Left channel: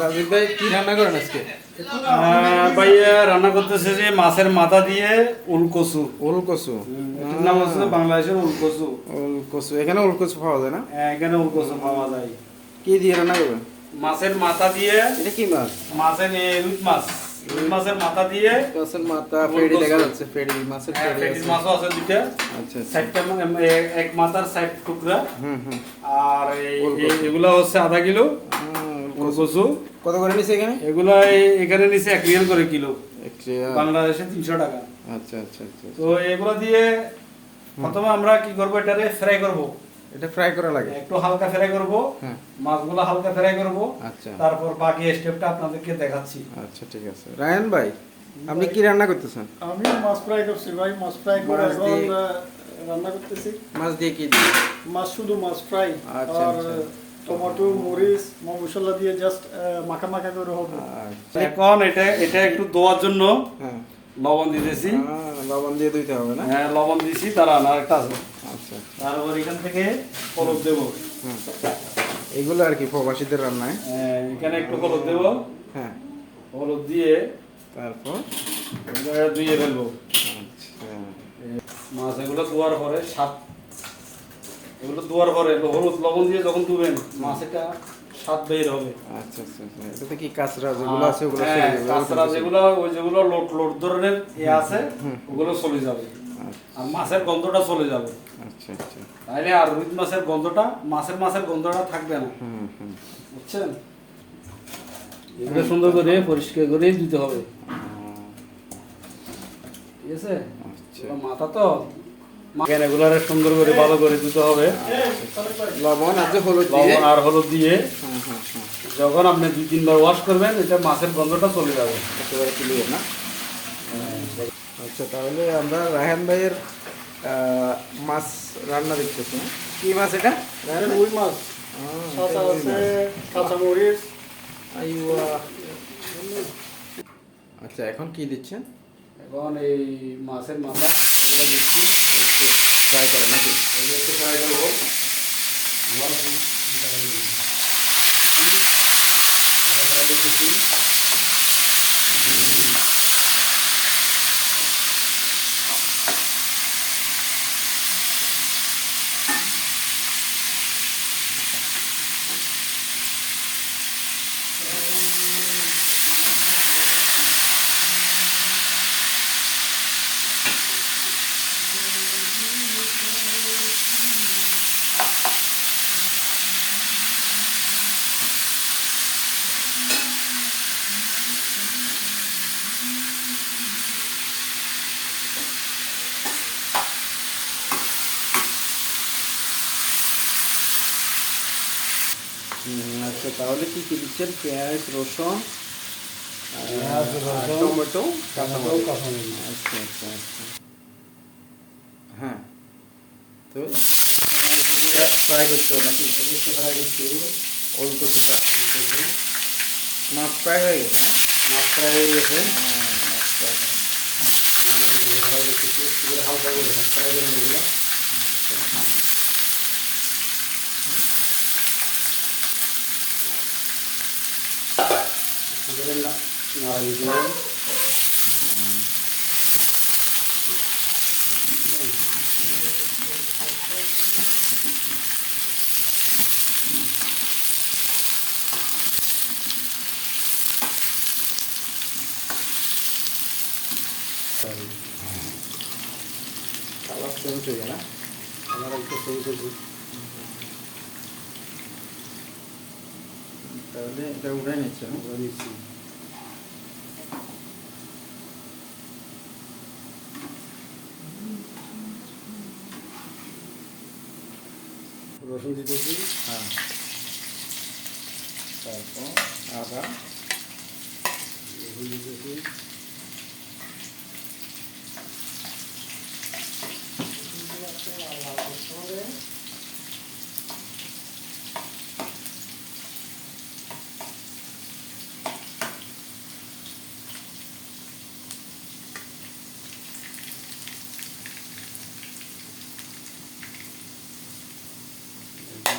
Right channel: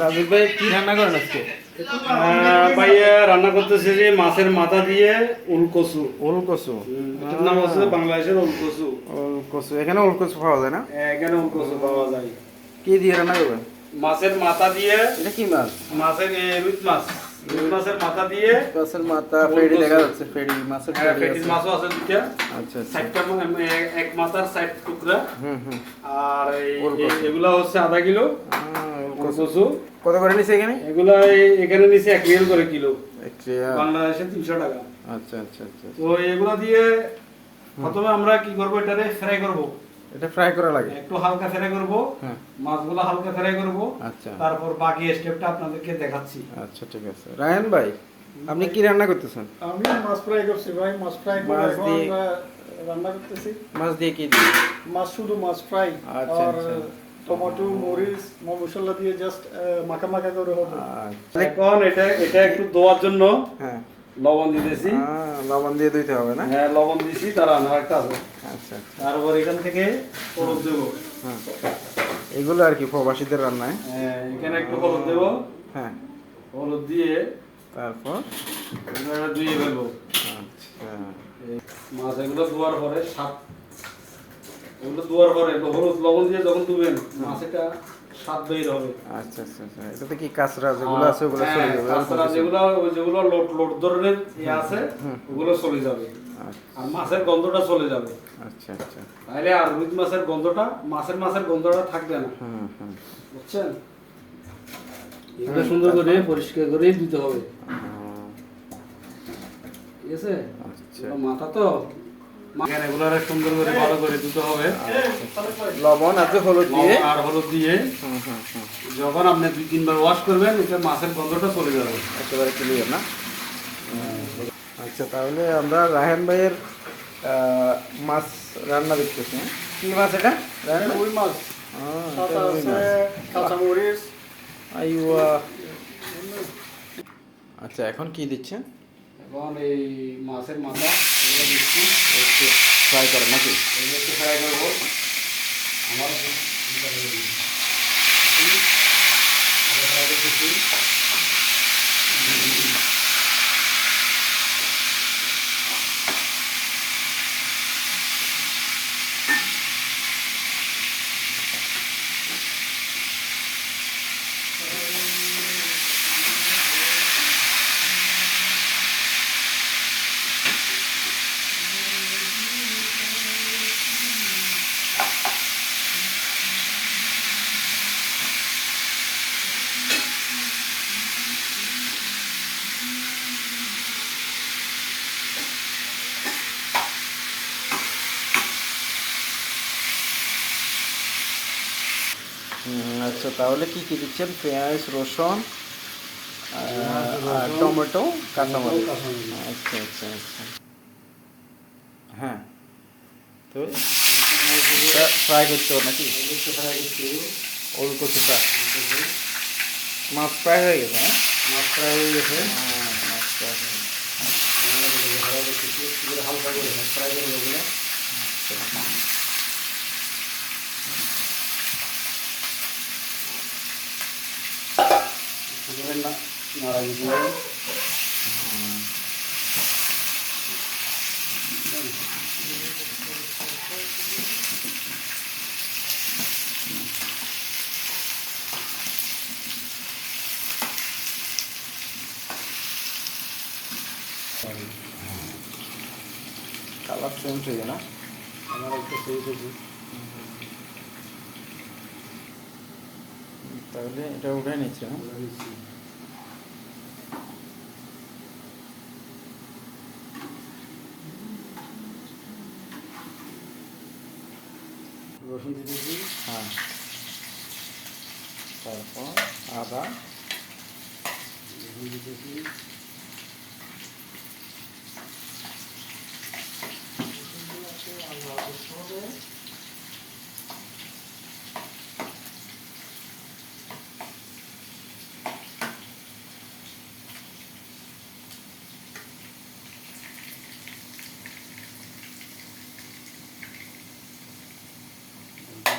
রাজীব ভাই কি রান্না করেন আজকে? ভাইয়া রান্না করতেছে যে মাছের মাথা দিয়ে উলকচু। ওলকচু। এটার নাম আছে বাংলাদেশের উলকচু। ওলকচু, এখানে ওলকচু পাওয়া যায় না? এখানে উলকচু পাওয়া যায়। কি দিয়ে রান্না করবেন? মাছের মাথা দিয়ে। এটা কি মাছ? মাছের রুই মাছ। রুই মাছের মাথা দিয়ে। মাছের মাথা ফেড়ি দেখা যাচ্ছে, ফেড়ি মাছের ফেড়ি ফেটিস আছে। মাছও আছে দুইটা। আচ্ছা আচ্ছা। সাইডটা এক মাথার সাইড টুকরা। হুম হুম। আর ওলকচু। এগুলো হচ্ছে আধা কিলো উলকচু। কত করে নিছে এখানে? এগুলো এখানে নিচে 1 রিয়াল করে কিলো। রিয়াল। বাংলাদেশে 300 টাকা। আচ্ছা আচ্ছা আচ্ছা। তো এগুলো দিয়ে প্রথমে আমরা কি করব, এটারে ফ্রাই করব। এটা ফ্রাই করা লাগে? একটু হালকা ফ্রাই করব। হ্যাঁ। মাছগুলো হালকা ফ্রাই করব। আচ্ছা। তারপর বাকি স্টেপটা আপনাদেরকে দেখাচ্ছি। আচ্ছা ঠিক আছে। রায়হান ভাই, আপনি কি রান্না করতেছেন? আমি মাছ ফ্রাই করছি ভাই, মাছ ফ্রাই করে মাছ এখন দিয়ে- রান্না করতেছি। মাছ দিয়ে কি দিয়ে? মাছ শুধু মাছ ফ্রাই আচ্ছা, আর আচ্ছা। টমেটো মরিচ মশলা দিয়ে জাস্ট মাখা মাখা করে হবে। আচ্ছা। এখন এটা একটু ধোয়ার জন্য হ্যাঁ। লবণ দিতেছি। লবণ দিয়ে দিতে হবে না? হ্যাঁ, লবণ দিছি, তারা আর একটা আছে। আচ্ছা। তারপর এখান থেকে হলুদ দেব। হ্যাঁ। এগুলো আর কি প্রবাসীদের রান্নায়। এখানে একটু হলুদ দেব। হ্যাঁ। হলুদ দিয়ে তারপর? এগুলো ধুয়ে ফেলবো। আচ্ছা। মাছ এগুলো ধোয়ার পরে এগুলো ধোয়ার পরে হলুদ লবণ দিয়ে যখন ধুবেন, মাছ এটা স্বাদ বের হবে। আচ্ছা আচ্ছা আচ্ছা। এটাতে কি কাঁচরা যেগুলো আছে ওগুলো চলে যাবে? কাঁচরা যেগুলো লোট ধরনের আছে ওগুলো চলে যাবে। আর মাছের গন্ধটা চলে যাবে। আচ্ছা আচ্ছা। তাহলে আর রুই মাছের গন্ধটা মাছের গন্ধটা থাকবে না। হুম হুম। বুঝছেন? এগুলো সুন্দর করে পরিষ্কার করে দিতে হবে। ঠিক আছে? আচ্ছা। মাথা তো এগুলারে সুন্দর করে ভালো করে দিতে হবে। লবণ আর হলুদ দিয়ে। লবণ আর হলুদ দিয়ে হুম হুম হুম। যখন আপনি 2-3 বার ওয়াশ করবেন, এটা মাছের গন্ধটা চলে যাবে। একেবারে ক্লিয়ার না? আচ্ছা, তাহলে আমরা রায়হান ভাইয়ের মাছ রান্না দেখতেছি। হ্যাঁ, কি মাছ এটা? রায়হান ভাই? রুই মাছ সাথে আছে কাঁচা মরিচ। আইওয়া। আচ্ছা, এখন কি দিচ্ছেন? এখন এই মাছের মাথা এগুলো দিচ্ছি, একটু ফ্রাই করেন নাকি? এগুলো একটু ফ্রাই করবো। আমার ফ্রাই করতেছি। আচ্ছা, তাহলে কি কি দিচ্ছেন? পেঁয়াজ, রসুন, আর টমেটো, কাঁচামরিচ। আচ্ছা আচ্ছা আচ্ছা। হ্যাঁ, তো ফ্রাই করতে হবে নাকি? ফ্রাই করছি। ওলকচুটা মাছ ফ্রাই হয়ে গেছে? হ্যাঁ, মাছ ফ্রাই হয়ে গেছে। মাছ ফ্রাই হয়ে গেছে। ফ্রাই করতেছি একটু করে হালকা করে ফ্রাই করবো এগুলো। নাড়া দিতে হবে। কালার চেঞ্জ হয়ে না? আমার একটু সেই করবো। তাহলে এটা উঠে নিচ্ছে। দিচ্ছি। রসুন দিতেছি। হ্যাঁ, তারপর আদা। রসুন দিতেছি।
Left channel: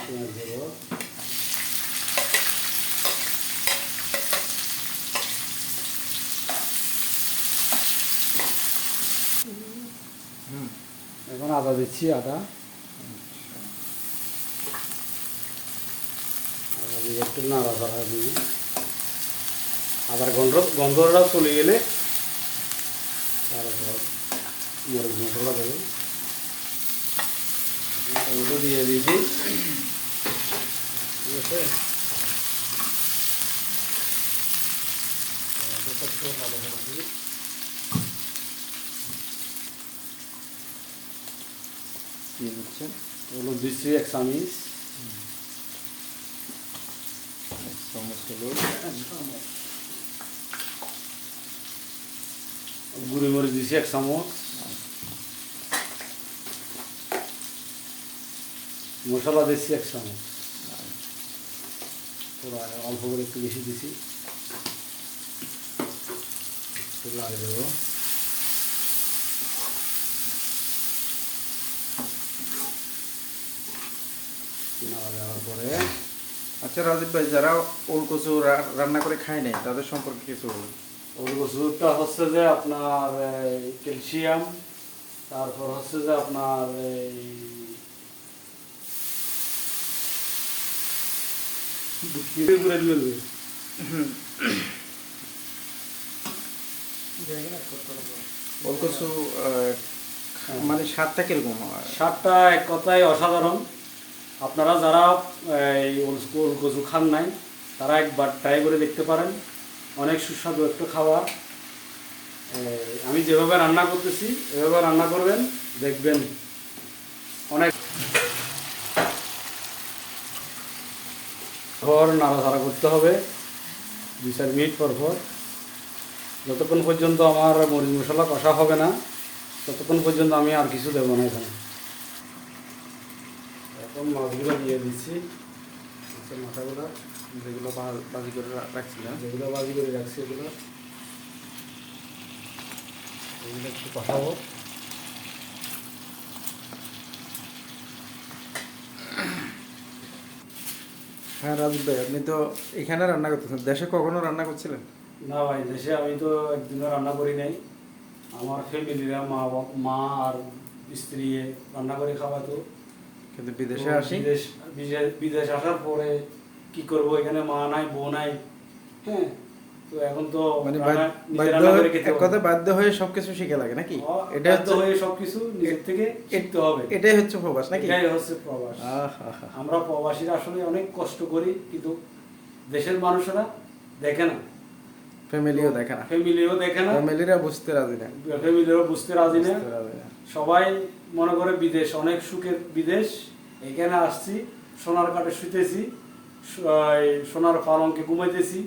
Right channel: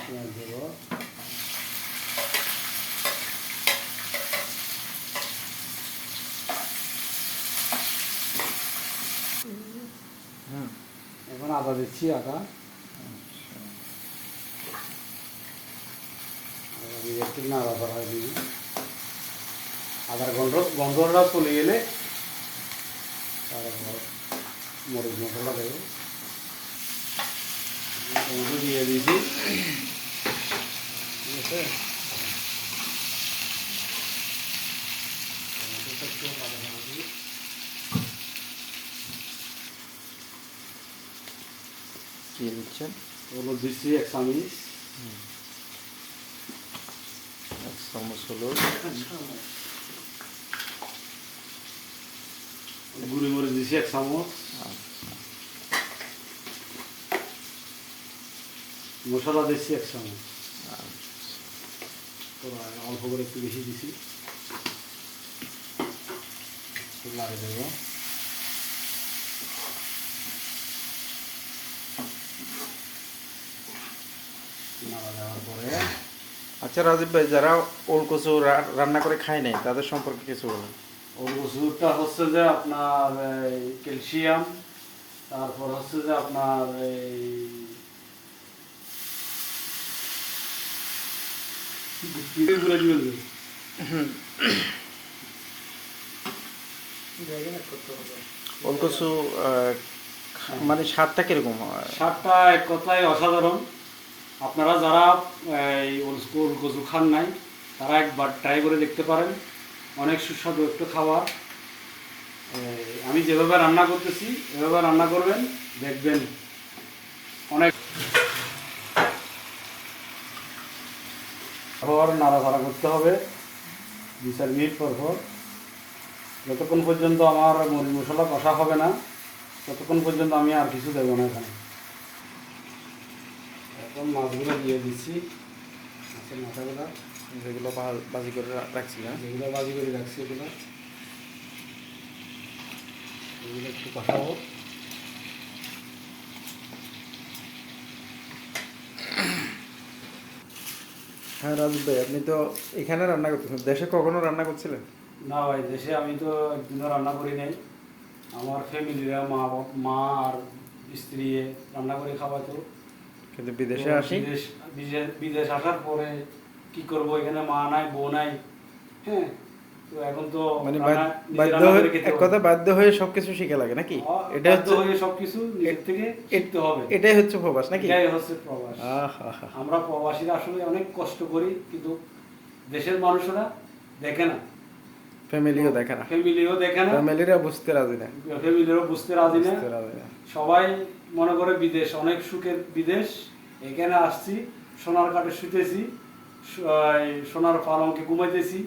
পেঁয়াজ দেবো। আদা দিচ্ছি, আদা দিয়ে একটু নাড়াচাড়া দিই। আবার গন্ধটা চলে গেলে তারপর মরিচ মশলা দেবো, টমেটো দিয়ে দিয়েছি, ঠিক আছে। টমেটোটা একটু নাড়াচাড়া দিই। কি দিচ্ছেন? এগুলো দিচ্ছি 1 চামচ, 1 চামচ হলুদ, গুঁড়ি মরিচ দিচ্ছি 1 চামচ, মশলা দিচ্ছি 1 চামচ, পুরো অল্প করে একটু বেশি দিছি, একটু লাড়ে দেবো। নাড়া দেওয়ার পরে আচ্ছা রাজীব ভাই, যারা ওলকচু রান্না করে খায় নাই তাদের সম্পর্কে কিছু বলেন। ওলকচুটা হচ্ছে যে আপনার ক্যালসিয়াম, তারপর হচ্ছে যে আপনার এই ওলকচু মানে স্বাদটা কিরকম হয়? স্বাদটা এক কথায় অসাধারণ। আপনারা যারা এই ওলকচু খান নাই তারা একবার ট্রাই করে দেখতে পারেন, অনেক সুস্বাদু একটু খাবার। আমি যেভাবে রান্না করতেছি এভাবে রান্না করবেন, দেখবেন অনেক। পর নাড়াচাড়া করতে হবে 2-4 মিনিট পর পর, যতক্ষণ পর্যন্ত আমার মরিচ মশলা কষা হবে না ততক্ষণ পর্যন্ত আমি আর কিছু দেবো না এখানে। এখন মাছগুলো দিয়ে দিচ্ছি, মাছের মাথাগুলো যেগুলো বাজি করে রাখছি, হ্যাঁ যেগুলো বাজি করে রাখছি এগুলো একটু কষাবো। হ্যাঁ রাজীব ভাই, আপনি তো এখানে রান্না করতেছেন, দেশে কখনো রান্না করছিলেন? না ভাই, দেশে আমি তো একদিনও রান্না করি নাই। আমার ফ্যামিলিরা মা আর স্ত্রী রান্না করে খাওয়াতো। কিন্তু বিদেশে আসি, বিদেশ আসার পরে কি করব, এখানে মা নাই বউ নাই, হ্যাঁ। তো এখন তো মানে নিজে রান্না করে খেতে এক কথা বাধ্য হয়ে সবকিছু শিখে লাগে নাকি? এটা বাধ্য হচ্ছে হয়ে সবকিছু নিজের থেকে শিখতে হবে। এটাই হচ্ছে প্রবাস নাকি? এটাই হচ্ছে প্রবাস। আহা, আমরা প্রবাসীরা আসলে অনেক কষ্ট করি, কিন্তু দেশের মানুষরা দেখে না, ফ্যামিলিও দেখে না, ফ্যামিলিও দেখে না, ফ্যামিলিরা বুঝতে রাজি না, ফ্যামিলিও বুঝতে রাজি না। বুঝতে রাজি না। সবাই মনে করে বিদেশ অনেক সুখের বিদেশ, এখানে আসছি সোনার কাঠে শুতেছি, এই সোনার পালঙ্কে ঘুমাইতেছি।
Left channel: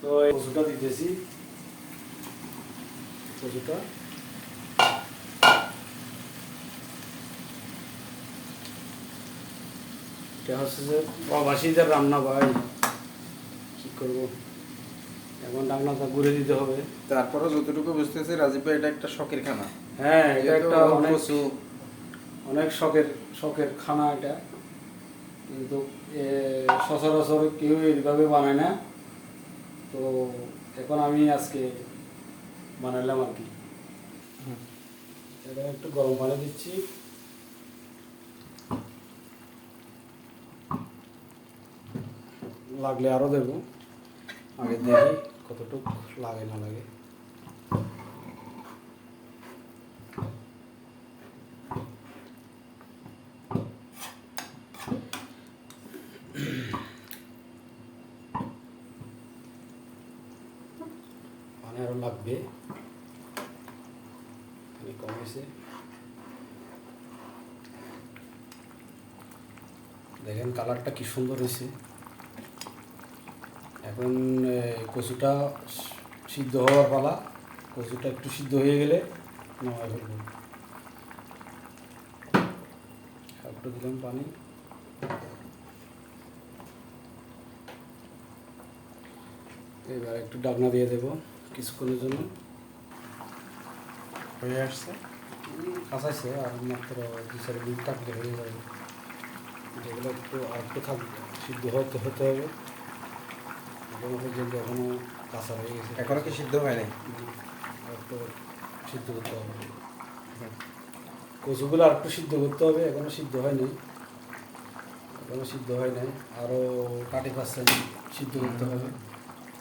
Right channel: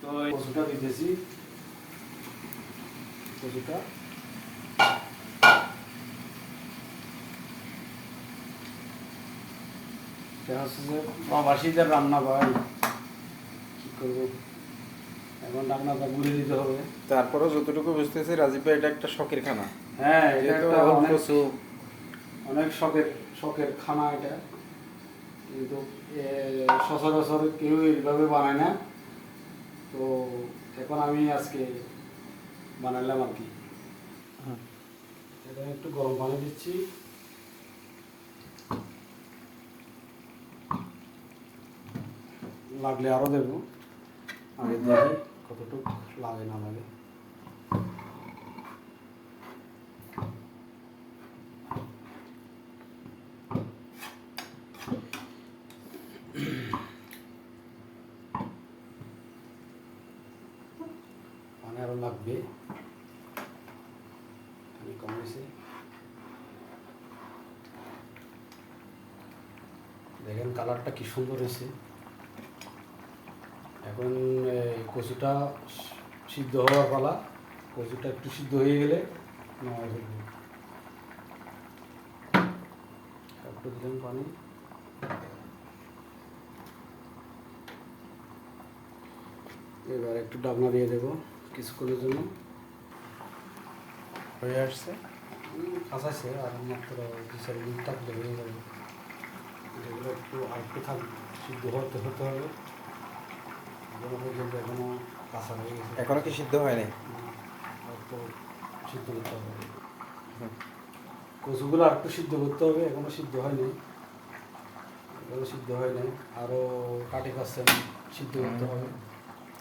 তো এই কচুটা দিতেছি, কচুটা এটা হচ্ছে যে প্রবাসীদের রান্না ভাই, কি করবো, এখন রান্নাটা ঘুরে দিতে হবে। তারপরেও যতটুকু বুঝতেছি রাজীব ভাই, এটা একটা শখের খানা। হ্যাঁ, এটা যেহেতু একটা ওলকচু অনেক শখের খানা এটা, কিন্তু সচরাচর কেউ এইভাবে বানায় না। তো এখন আমি আজকে বানাইলাম আর কি। এটা একটু গরম পানি দিচ্ছি, লাগলে আরও দেবো, আগে দেখি কতটুকু লাগে না লাগে। পানি আরও লাগবে, পানি কমেছে। দেখেন কালারটা কি সুন্দর হয়েছে। এখন কচুটা সিদ্ধ হওয়ার পালা, কচুটা একটু সিদ্ধ হয়ে গেলে নামাই ফেলবো। একটু দিলাম পানি, এবার একটু ডাকনা দিয়ে দেবো কিছুক্ষণের জন্য। হয়ে আসছে, কাঁচাছে আর মাত্র 2-4 মিনিট থাকলে হয়ে যাবে। যেগুলো একটু আর একটু থাকবে, সিদ্ধ হতে হবে। এখনো পর্যন্ত এখনো কাঁচা হয়ে গেছে, এখনো কি সিদ্ধ হয়নি? আর একটু সিদ্ধ করতে হবে। কচুগুলো আর একটু সিদ্ধ করতে হবে, এখনও সিদ্ধ হয়নি, আরও 30% সিদ্ধ করতে হবে।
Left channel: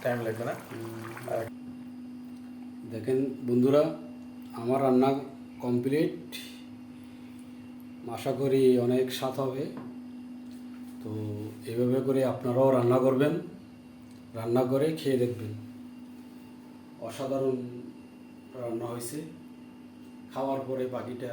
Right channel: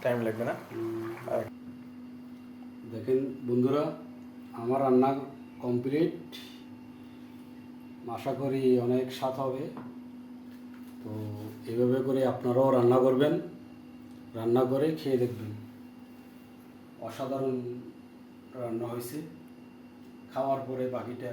টাইম লাগবে না? আর দেখেন বন্ধুরা, আমার রান্না কমপ্লিট, আশা করি অনেক স্বাদ হবে। তো এভাবে করে আপনারাও রান্না করবেন, রান্না করে খেয়ে দেখবেন, অসাধারণ রান্না হয়েছে। খাওয়ার পরে বাকিটা